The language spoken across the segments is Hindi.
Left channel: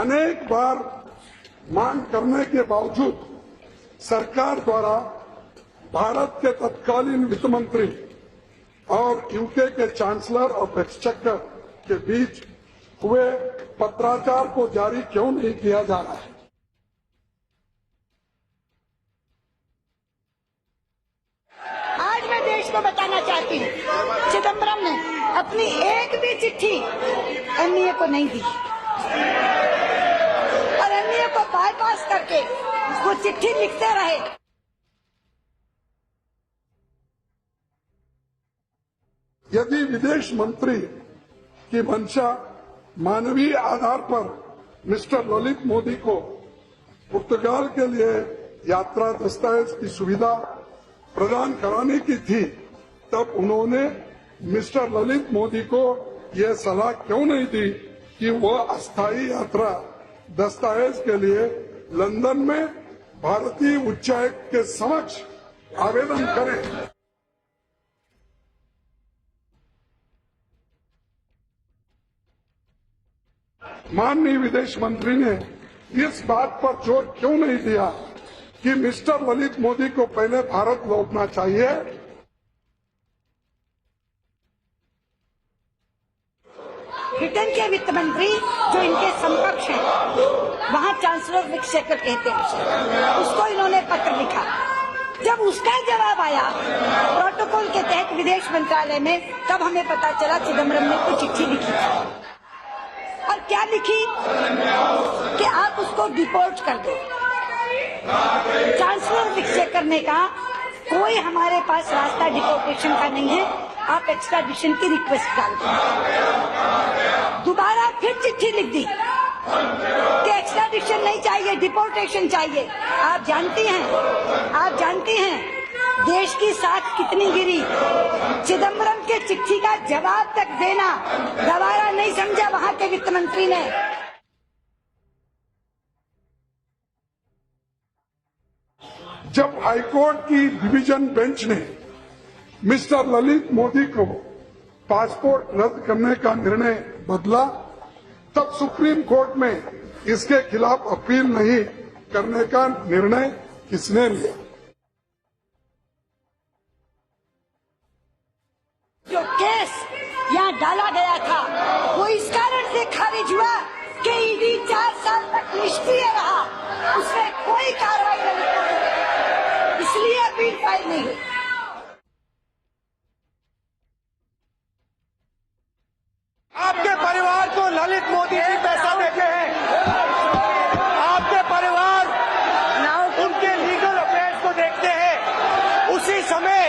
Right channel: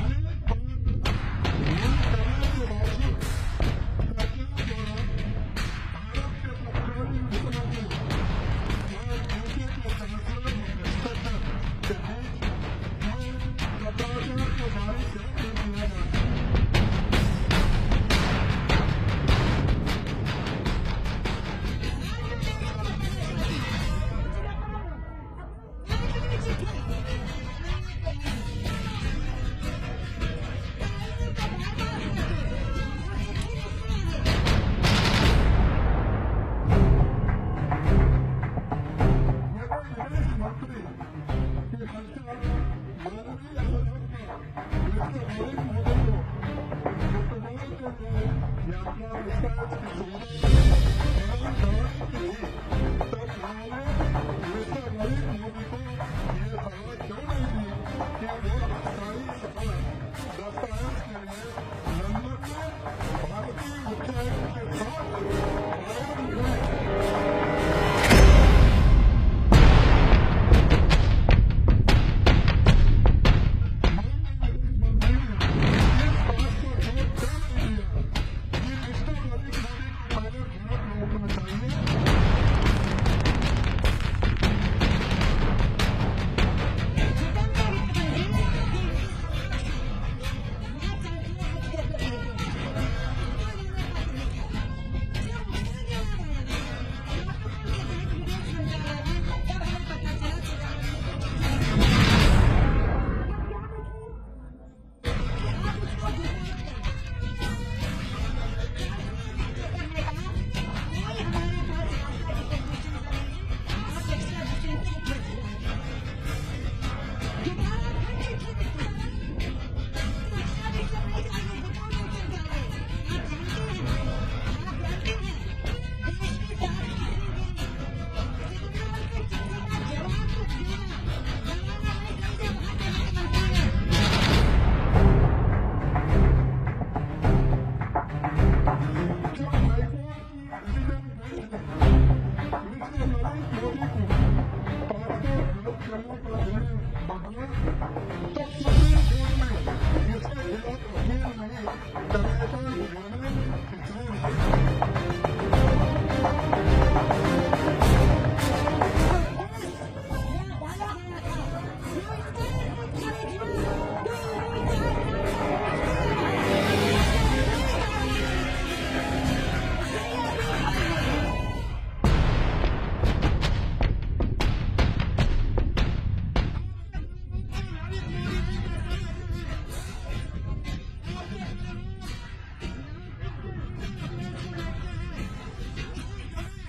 अनेक बार मांग करने के बावजूद सरकार द्वारा भारत के तत्कालीन वित्त मंत्री और यूके के चांसलर ऑफ एक्सचेकर के बीच हुए पत्राचार को जारी क्यों नहीं किया जा रहा है? आज मैं देश को बताना चाहती हूँ, चिदम्बरम ने अपनी एक भी चिट्ठी एनडीए को नहीं दी और एनडीए को बाईपास करके वो चिट्ठी लिखते रहे। यदि विदेश मंत्री की मंशा मानवीय आधार पर मिस्टर ललित मोदी को पुर्तगाल के लिए यात्रा दस्तावेज की सुविधा प्रदान कराने की थी, तब उन्होंने मिस्टर ललित मोदी को यह सलाह क्यों नहीं दी कि वह अस्थायी यात्रा दस्तावेज के लिए लंदन में भारतीय उच्चायुक्त के समक्ष आवेदन करें। माननीय विदेश मंत्री ने इस बात पर जोर क्यों नहीं दिया कि मिस्टर ललित मोदी को पहले भारत लौटना चाहिए? ब्रिटेन के वित्त मंत्री जो इनके समकक्ष हैं, वहाँ चांसलर ऑफ एक्सचेकर कहते हैं, उसको इन्होंने पत्र लिखा। जब उसका जवाब आया प्रोटोकॉल के तहत विदेश मंत्रालय में, तब हमें पता चला चिदम्बरम ने कुछ चिट्ठी लिखी और क्या लिखी कि आप उसको डिपोर्ट कर दो। चांसलर ऑफ एक्सचेकर ने कहा कोई हमारे पास रास्ता डिपोर्टेशन का नहीं है, आप एक्स्ट्राडिशन की रिक्वेस्ट डाल दो। दोबारा फिर चिट्ठी लिख दी कि एक्स्ट्राडिशन नहीं चाहिए, डिपोर्टेशन चाहिए। आप जानती हैं देश की साख कितनी गिरी। चिदम्बरम के चिट्ठी का जवाब तक देना गवारा नहीं समझा वहाँ के वित्त मंत्री ने। जब हाईकोर्ट की डिवीजन बेंच ने मिस्टर ललित मोदी को पासपोर्ट रद्द करने का निर्णय बदला, तब सुप्रीम कोर्ट में इसके खिलाफ अपील नहीं करने का निर्णय किसने लिया? जो केस यहाँ डाला गया था वो इस कारण से खारिज हुआ कि ईडी 4 साल तक निष्क्रिय रहा, उसने कोई कार्रवाई नहीं की, इसलिए अपील फाइल नहीं हुई। आपके परिवार को ललित मोदी जी पैसा देते हैं, आपके परिवार उनके लीगल अफेयर्स को देखते हैं, उसी समय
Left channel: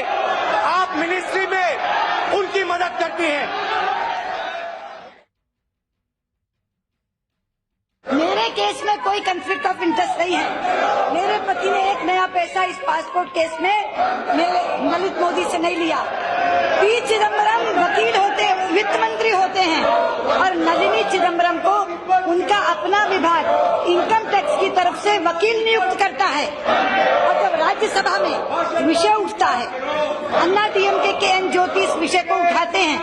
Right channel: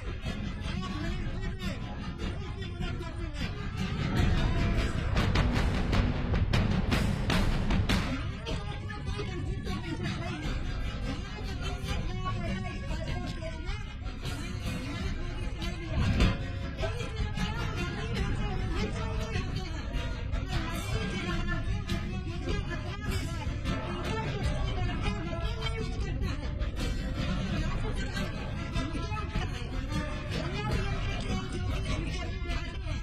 आप मिनिस्ट्री में उनकी मदद करती हैं। मेरे केस में कोई कंफ्लिक्ट ऑफ इंटरेस्ट नहीं है। मेरे पति ने एक नया पैसा इस पासपोर्ट केस में मेरे ललित मोदी से नहीं लिया। पी चिदम्बरम वकील होते, वित्त मंत्री होते हैं और नलिनी चिदम्बरम को उनका अपना विभाग इनकम टैक्स की तरफ से वकील नियुक्त करता है। और जब राज्यसभा में विषय उठता है, अन्ना डीएमके के एन ज्योति इस विषय को उठाते हैं,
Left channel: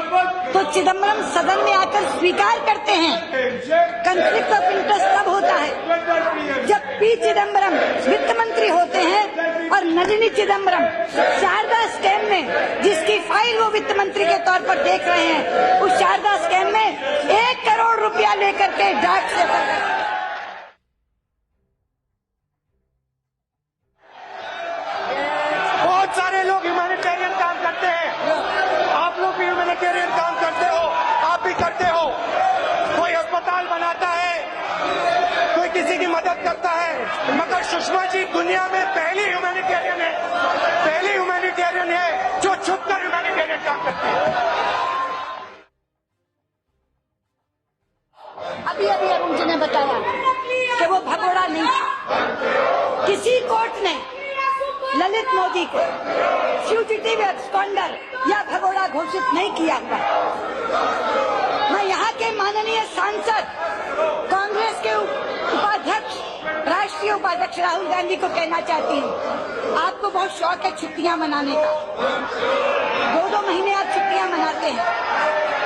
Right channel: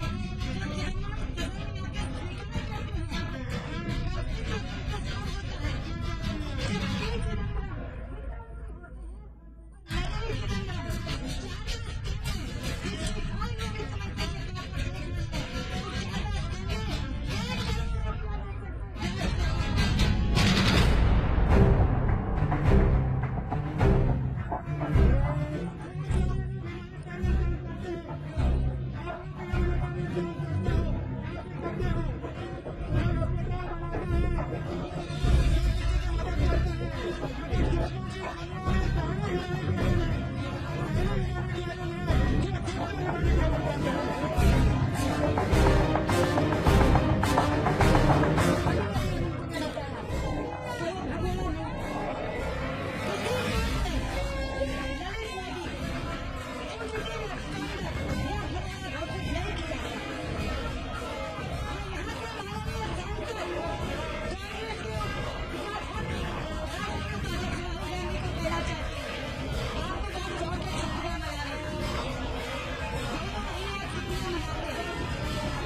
तो चिदम्बरम सदन में आकर स्वीकार करते हैं। कंफ्लिक्ट ऑफ इंटरेस्ट तब होता है जब पी चिदम्बरम वित्त मंत्री होते हैं और नलिनी चिदम्बरम शारदा स्कैम में, जिसकी फाइल वो वित्त मंत्री के तौर पर देख रहे हैं, उस शारदा स्कैम में 1 करोड़ रुपया लेकर के डाक से बहुत सारे लोग ह्यूमैनिटेरियन काम करते हैं, आप लोग भी ह्यूमैनिटेरियन काम करते हो, आप भी करते हो। कोई अस्पताल बनाता है, कोई किसी की मदद करता है, मगर सुषमा जी दुनिया में पहली ह्यूमैनिटेरियन है जो छुपकर ह्यूमैनिटेरियन काम करती है। अभी अरुण जी ने बताया कि वो भगोड़ा नहीं था। किसी कोर्ट ने ललित मोदी को फ्यूजिटिव एब्सकॉन्डर या भगोड़ा घोषित नहीं किया था। मैं यहाँ के माननीय सांसद, कांग्रेस के उपाध्यक्ष, राष्ट्रीय उपाध्यक्ष राहुल गांधी को कहना चाहती हूँ, आपको बहुत शौक है छुट्टियां मनाने का, 2-2 महीने आप छुट्टियां मनाते हैं।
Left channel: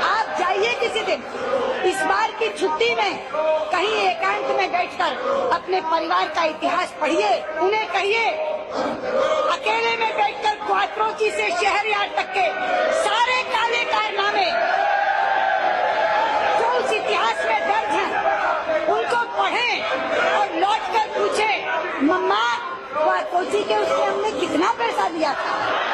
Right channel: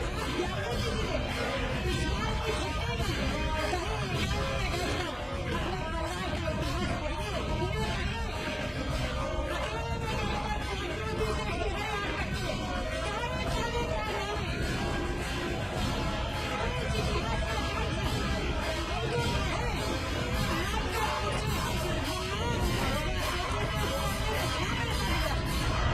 आप जाइए किसी दिन इस बार की छुट्टी में कहीं एकांत में बैठकर अपने परिवार का इतिहास पढ़िए, उन्हें कहिए अकेले में बैठकर क्वाट्रोची से शहरयार्ड तक के सारे काले कारनामे जो उस इतिहास में दर्ज हैं उनको पढ़ें और लौट कर पूछें, मम्मा क्वाट्रोची के उससे हमने कितना पैसा दिया था।